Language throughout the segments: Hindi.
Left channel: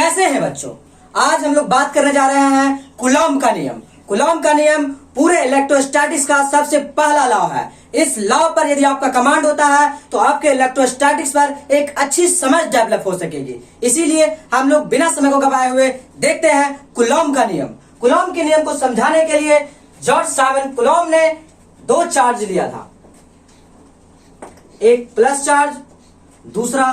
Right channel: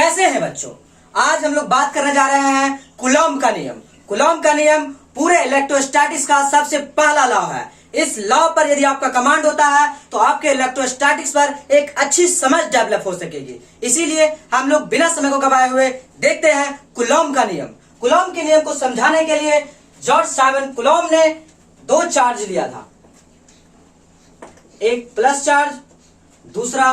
कैसे हैं बच्चों? आज हम लोग बात करने जा रहे हैं कूलॉम का नियम। कूलॉम का नियम पूरे इलेक्ट्रोस्टैटिक्स का सबसे पहला लॉ है। इस लॉ पर यदि आपका कमांड होता है तो आपके इलेक्ट्रोस्टैटिक्स पर एक अच्छी समझ डेवलप हो सकेगी। इसीलिए हम लोग बिना समय को गवाए हुए देखते हैं कूलॉम का नियम। कूलॉम के नियम को समझाने के लिए जॉर्ज साइमन कूलॉम ने दो चार्ज दिया था, एक प्लस चार्ज, दूसरा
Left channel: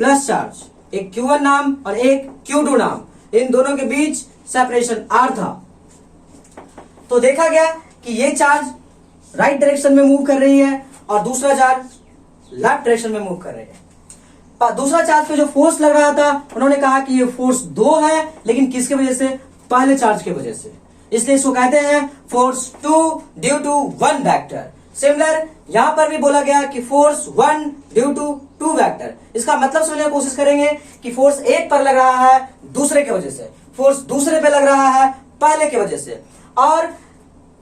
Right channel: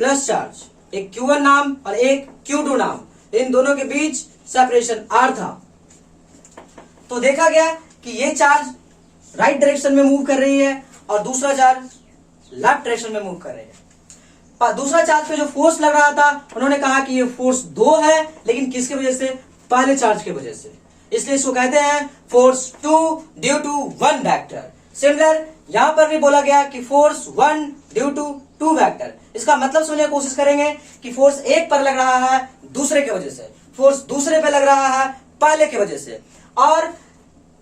प्लस चार्ज, एक Q1 नाम और एक Q2 नाम। इन दोनों के बीच सेपरेशन R था। तो देखा गया कि ये चार्ज राइट डायरेक्शन में मूव कर रही है और दूसरा चार्ज लेफ्ट डायरेक्शन में मूव कर रही है। दूसरा चार्ज पे जो फोर्स लग रहा था, उन्होंने कहा कि ये फोर्स 2 है, लेकिन किसकी वजह से? पहले चार्ज की वजह से। इसलिए इसको कहते हैं force 2 due to 1 vector. Similar यहां पर भी बोला गया कि फोर्स 1 ड्यू टू 2 वेक्टर। इसका मतलब समझने की कोशिश करेंगे कि फोर्स एक पर लग रहा है दूसरे की वजह से, फोर्स दूसरे पे लग रहा है पहले की वजह से, और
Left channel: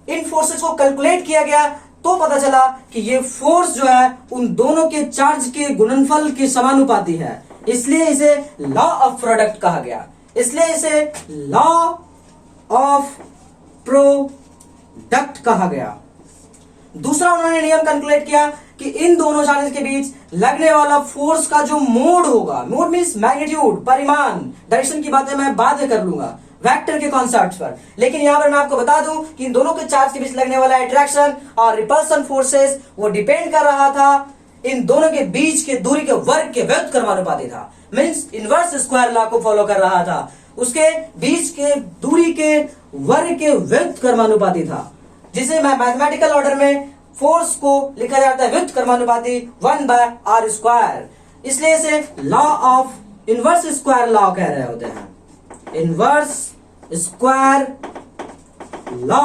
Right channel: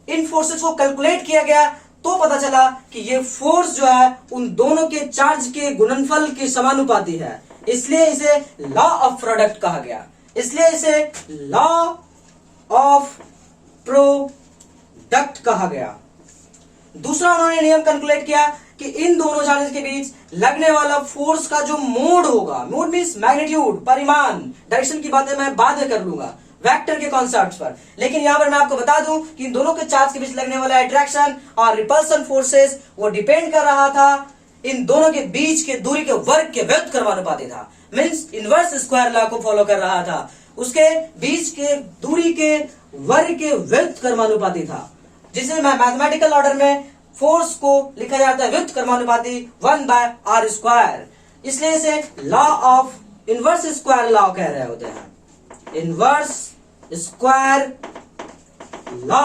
इन फोर्सेस को कैलकुलेट किया गया तो पता चला कि ये फोर्स जो है उन दोनों के चार्ज के गुणनफल के समानुपाती है। इसलिए इसे लॉ ऑफ प्रोडक्ट कहा गया। इसलिए इसे लॉ ऑफ प्रोडक्ट कहा गया। दूसरा उन्होंने नियम कैलकुलेट किया कि इन दोनों चार्जेस के बीच लगने वाला फोर्स का जो मोड होगा, मोड मीन्स मैग्नीट्यूड, परिमाण, डायरेक्शन की बातें मैं बाद में कर लूंगा वेक्टर के कॉन्सेप्ट पर। लेकिन यहां पर मैं आपको बता दूं कि इन दोनों के चार्ज के बीच लगने वाला अट्रैक्शन और रिपल्सन फोर्सेस वो डिपेंड कर रहा था इन दोनों के बीच के दूरी के वर्ग के व्युत्क्रमानुपाती था। मीन्स इनवर्स स्क्वायर लॉ को फॉलो कर रहा था। उसके बीच के दूरी के वर्ग के व्युत्क्रमानुपाती था, जिसे मैथमेटिकल ऑर्डर में फोर्स को लिखा जाता है व्युत्क्रमानुपाती 1/r²। इसलिए इसे law of inverse square law कह रहे होते हैं। इनवर्स स्क्वायर लॉ,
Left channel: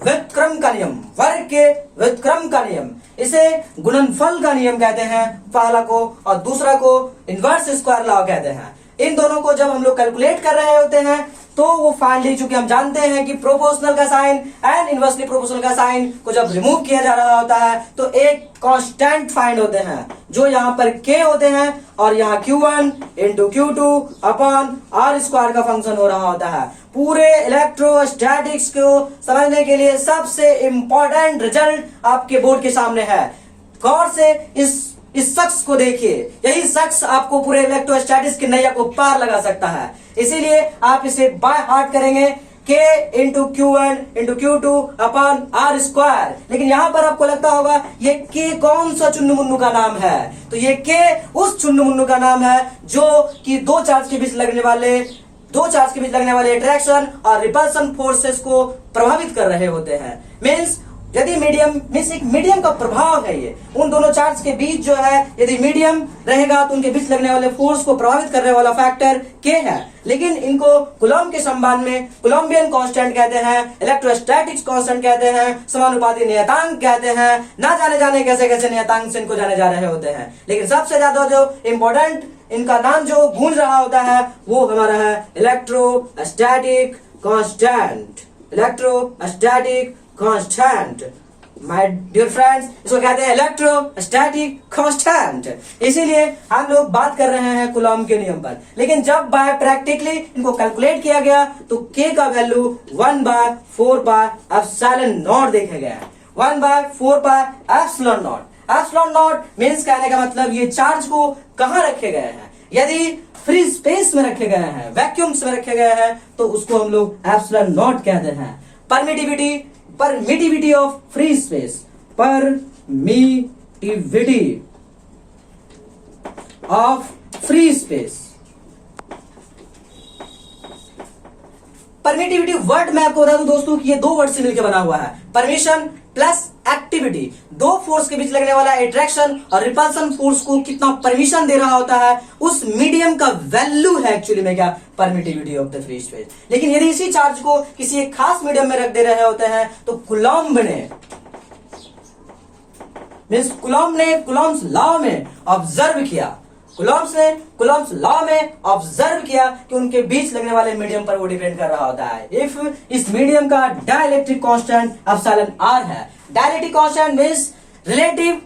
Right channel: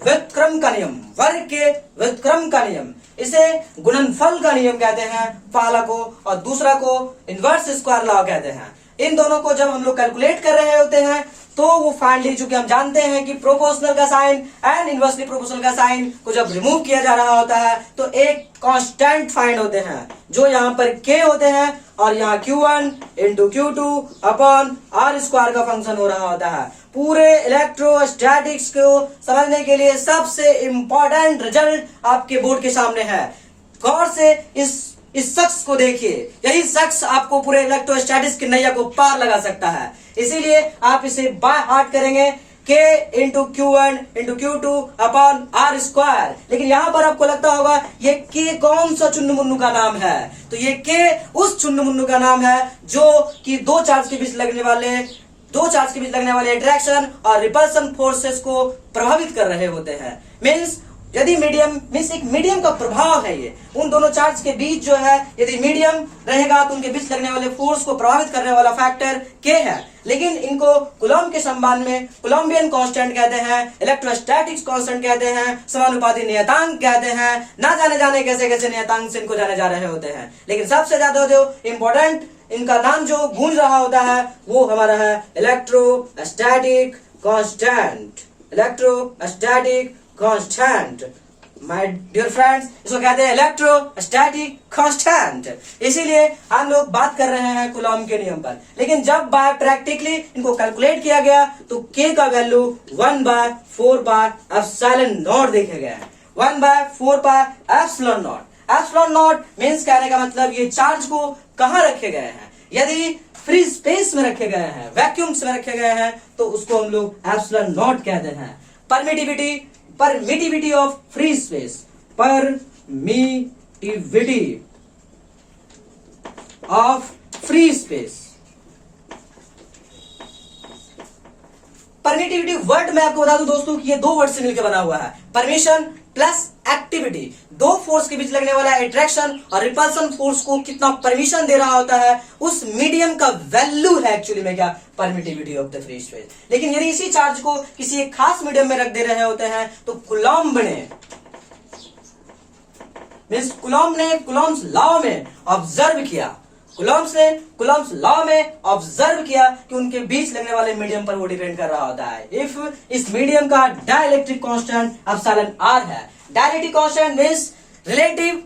व्युत्क्रम का नियम, वर्ग के व्युत्क्रम का नियम। इसे गुणनफल का नियम कहते हैं पहला को, और दूसरा को इनवर्स स्क्वायर लॉ कहते हैं। इन दोनों को जब हम लोग कैलकुलेट कर रहे होते हैं तो वो फाइनली, चूंकि हम जानते हैं कि प्रोपोर्शनल का साइन एंड इनवर्सली प्रोपोर्शनल का साइन को जब रिमूव किया जा रहा होता है तो एक कांस्टेंट फाइंड होते हैं जो यहाँ पर k होते हैं और यहाँ Q1 into Q2 upon R² का फंक्शन हो रहा होता है। पूरे इलेक्ट्रोस्टैटिक्स को समझने के लिए सबसे इंपॉर्टेंट रिजल्ट आपके बोर्ड के सामने है। गौर से इस शख्स को देखिए, यही शख्स आपको पूरे इलेक्ट्रोस्टैटिक्स की नैया को पार लगा सकता है। इसीलिए आप इसे बाय हार्ट करेंगे, K into Q1 into Q2 upon R²। लेकिन यहां पर आपको लगता होगा ये K कौन सा चुन्नू मुन्नू का नाम है? तो ये K उस चुन्नू मुन्नू का नाम है जो कि दो चार्ज के बीच लगने वाले अट्रैक्शन और रिपल्सन फोर्सेस को प्रभावित कर रहे होते हैं। मीन्स यदि एक मीडियम का प्रभाव है, ये उन दोनों चार्ज के बीच जो है, यदि मीडियम रहेगा तो उनके बीच लगने वाले फोर्स को प्रभावित करने वाला फैक्टर K है। लेकिन इनको कूलॉम के संबंध में कोलम्बियन कांस्टेंट कहते हैं, इलेक्ट्रोस्टैटिक्स कांस्टेंट कहते हैं, समानुपाती नियतांक कहते हैं। ना जाने कैसे कैसे नियतांक से इनको जाने जा रहे होते हैं। लेकिन सबसे ज्यादा जो इम्पोर्टेंट इनका नाम जो गूंज रहा होता है वो हमारा है electrostatic constant. Electrostatic constant, my dear friends, इसको कहते हैं इलेक्ट्रोस्टैटिक कांस्टेंट। इसीलिए हम लोग बात कर रहे हैं कूलॉम के नियम पर। लेकिन जब बाय प्रैक्टिकली इनको कैलकुलेट किया गया तो K का वैल्यू 1/4πε0 देखा गया है। 1/4πε0। ε0 मीन्स कहने का मतलब ये चार्ज को कहां रखे गए हैं। यदि फ्री स्पेस में रखे गए हैं, वैक्यूम्स में रखे गए हैं, तो उसको हम लोग ε0 कहते हैं। Permittivity of free space, permittivity of free space. Permittivity word मैं आपको बता दूं दोस्तों कि ये दो वर्ड से मिलकर बना हुआ है, परमिशन प्लस एक्टिविटी। दो फोर्स के बीच लगने वाला अट्रैक्शन और रिपल्सन फोर्स को कितना परमिशन दे रहा होता है, उस मीडियम का वैल्यू है एक्चुअली में क्या, permittivity of the free space. लेकिन यदि इसी चार्ज को किसी एक खास मीडियम में रख दे रहे होते हैं तो कूलॉम ने कूलॉम्स लॉ में ऑब्जर्व किया, कूलॉम्स लॉ में ऑब्जर्व किया कि उनके बीच लगने वाले मीडियम पर वो डिपेंड कर रहा होता है। इफ इस मीडियम का डाइलेक्ट्रिक कांस्टेंट एप्सिलॉन r है। Dielectric constant means relative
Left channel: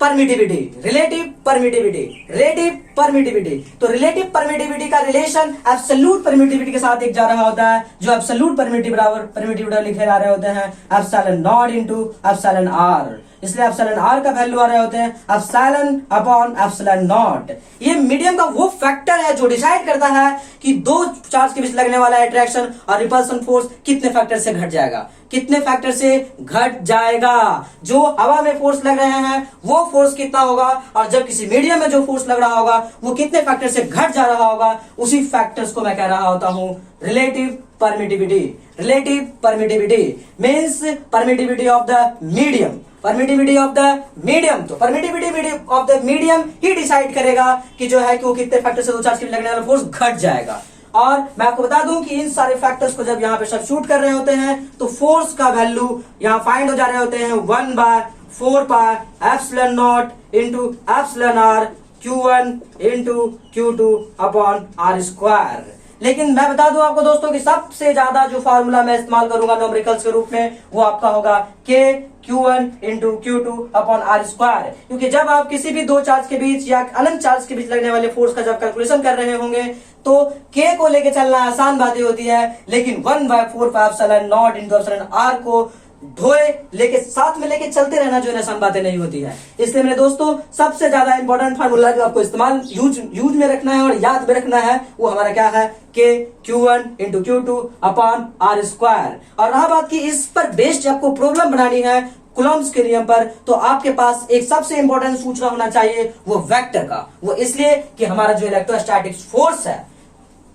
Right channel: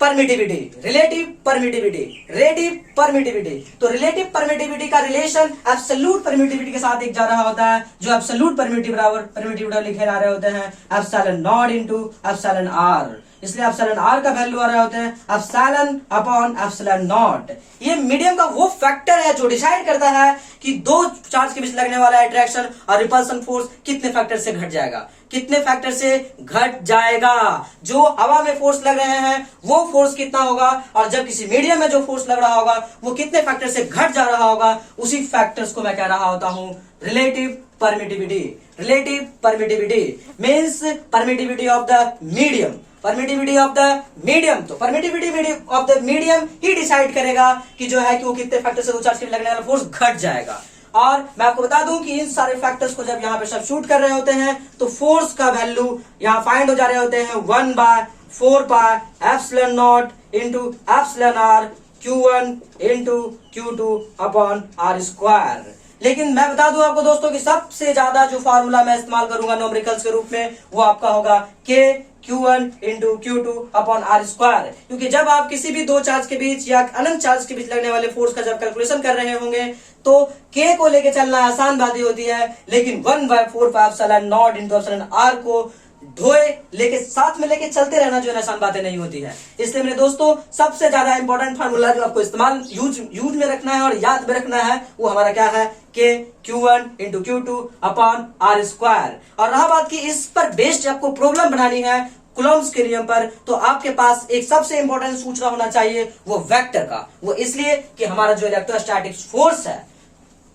permittivity, relative permittivity, relative permittivity. तो रिलेटिव परमिटिविटी का रिलेशन एब्सोल्यूट परमिटिविटी के साथ एक जा रहा होता है, जो एब्सोल्यूट परमिटिविटी लिखे जा रहे होते हैं epsilon naught into epsilon r. इसलिए एप्सिलॉन आर का वैल्यू आ रहे होते हैं एप्सिलॉन अपॉन एप्सिलॉन नॉट। ये मीडियम का वो फैक्टर है जो डिसाइड करता है कि दो चार्ज के बीच लगने वाला अट्रैक्शन और रिपल्सन फोर्स कितने फैक्टर से घट जाएगा, कितने फैक्टर से घट जाएगा। जो हवा में फोर्स लग रहे हैं वो फोर्स कितना होगा, और जब किसी मीडियम में जो फोर्स लग रहा होगा वो कितने फैक्टर से घट जा रहा होगा, उसी फैक्टर्स को मैं कह रहा होता हूं relative permittivity. Relative permittivity means permittivity of the medium, permittivity of the medium. तो परमिटिविटी ऑफ द मीडियम ही डिसाइड करेगा कि जो है कि वो कितने फैक्टर से दो चार्ज के लगने वाला फोर्स घट जाएगा। और मैं आपको बता दूं कि इन सारे फैक्टर्स को जब यहाँ पे सब्स्टिट्यूट कर रहे होते हैं तो फोर्स का वैल्यू यहाँ फाइंड हो जा रहे होते हैं 1/4 pi epsilon naught into epsilon r Q1 into Q2 upon are square. लेकिन मैं बता दूं आपको दोस्तों कि सबसे ज्यादा जो फार्मूला मैं इस्तेमाल करूंगा न्यूमेरिकल्स के रूप में वो आपका होगा K Q1 into Q2 upon are square. क्योंकि जब आप किसी भी दो चार्ज के बीच या अनंत चार्ज के बीच लगने वाले फोर्स का जब कैलकुलेशन कर रहे होंगे तो K को लेके चलना आसान बात होती है, लेकिन 1/4 pi epsilon naught into epsilon R को ढोए लेके साथ में लेके चलते रहना जो है आसान बातें नहीं होती है। इसलिए मेरे दोस्तों सबसे ज्यादा इंपॉर्टेंट फार्मूला जो आपको इस्तेमाल यूज में रखना है और याद में रखना है वो हमारा क्या है, K Q1 into Q2 upon are square. और रहा बात की इस पर बेस्ड आपको प्रॉब्लम बनानी है कूलॉम्स के नियम पर, तो आपके पास एक सबसे इंपॉर्टेंट सूचना होना चाहिए वो वेक्टर का। वो इसलिए कि हमारा जो इलेक्ट्रोस्टैटिक फोर्स है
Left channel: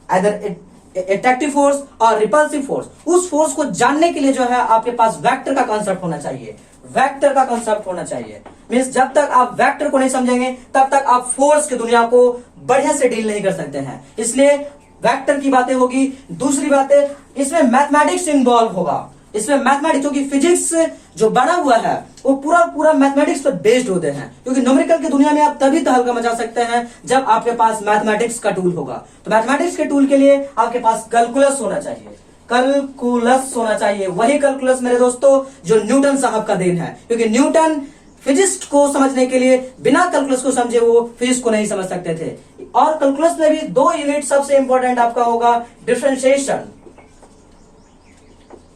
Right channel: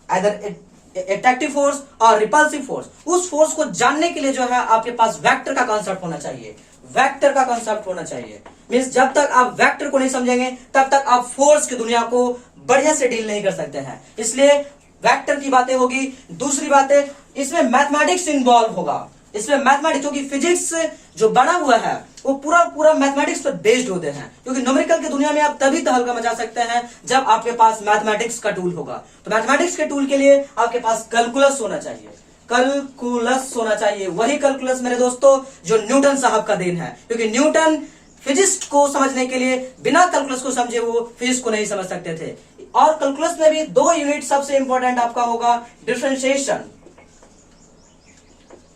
आइदर अट्रैक्टिव फोर्स और रिपल्सिव फोर्स, उस फोर्स को जानने के लिए जो है आपके पास वेक्टर का कांसेप्ट होना चाहिए। वेक्टर का कांसेप्ट होना चाहिए मींस जब तक आप वेक्टर को नहीं समझेंगे तब तक आप फोर्स की दुनिया को बढ़िया से डील नहीं कर सकते हैं। इसलिए वेक्टर की बातें होगी। दूसरी बातें इसमें मैथमेटिक्स इन्वॉल्व होगा। इसमें मैथमेटिक्स क्योंकि फिजिक्स जो बना हुआ है वो पूरा मैथमेटिक्स पर बेस्ड होते हैं, क्योंकि न्यूमेरिकल की दुनिया में आप तभी तहलका मचा सकते हैं जब आपके पास मैथमेटिक्स का टूल होगा। तो मैथमेटिक्स के टूल के लिए आपके पास कैलकुलस होना चाहिए, कैलकुलस होना चाहिए। वही कैलकुलस मेरे दोस्तों जो न्यूटन साहब का देन है, क्योंकि न्यूटन फिजिक्स को समझने के लिए बिना कैलकुलस को समझे वो फिजिक्स को नहीं समझ सकते थे। और कैलकुलस में भी दो यूनिट सबसे इंपॉर्टेंट आपका होगा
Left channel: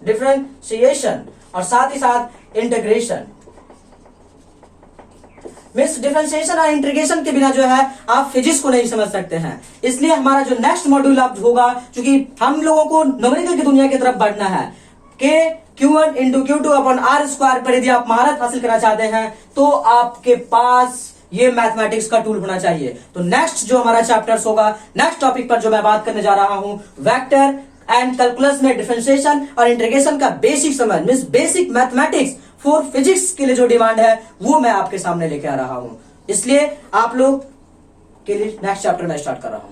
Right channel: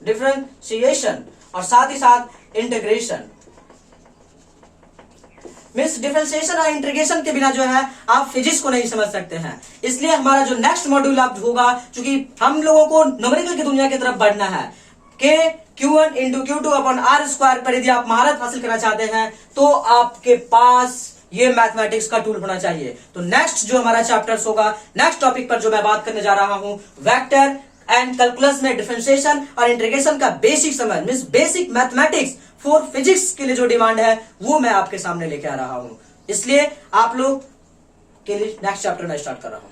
डिफरेंशिएशन और साथ ही साथ इंटीग्रेशन। मीन्स डिफरेंशिएशन और इंटीग्रेशन के बिना जो है आप फिजिक्स को नहीं समझ सकते हैं। इसलिए हमारा जो नेक्स्ट मॉड्यूल आप होगा, क्योंकि हम लोगों को न्यूमेरिकल की दुनिया की तरफ बढ़ना है, K Q1 into Q2 upon are square पर यदि आप महारत हासिल करना चाहते हैं तो आपके पास ये मैथमेटिक्स का टूल होना चाहिए। तो नेक्स्ट जो हमारा चैप्टर्स होगा, नेक्स्ट टॉपिक पर जो मैं बात करने जा रहा हूं, वेक्टर एंड कैलकुलस में डिफरेंशिएशन और इंटीग्रेशन का बेसिक समझ means basic mathematics for physics के लिए जो डिमांड है वो मैं आपके सामने लेके आ रहा हूं। इसलिए आप लोग के लिए नेक्स्ट चैप्टर में स्टार्ट कर रहा हूं।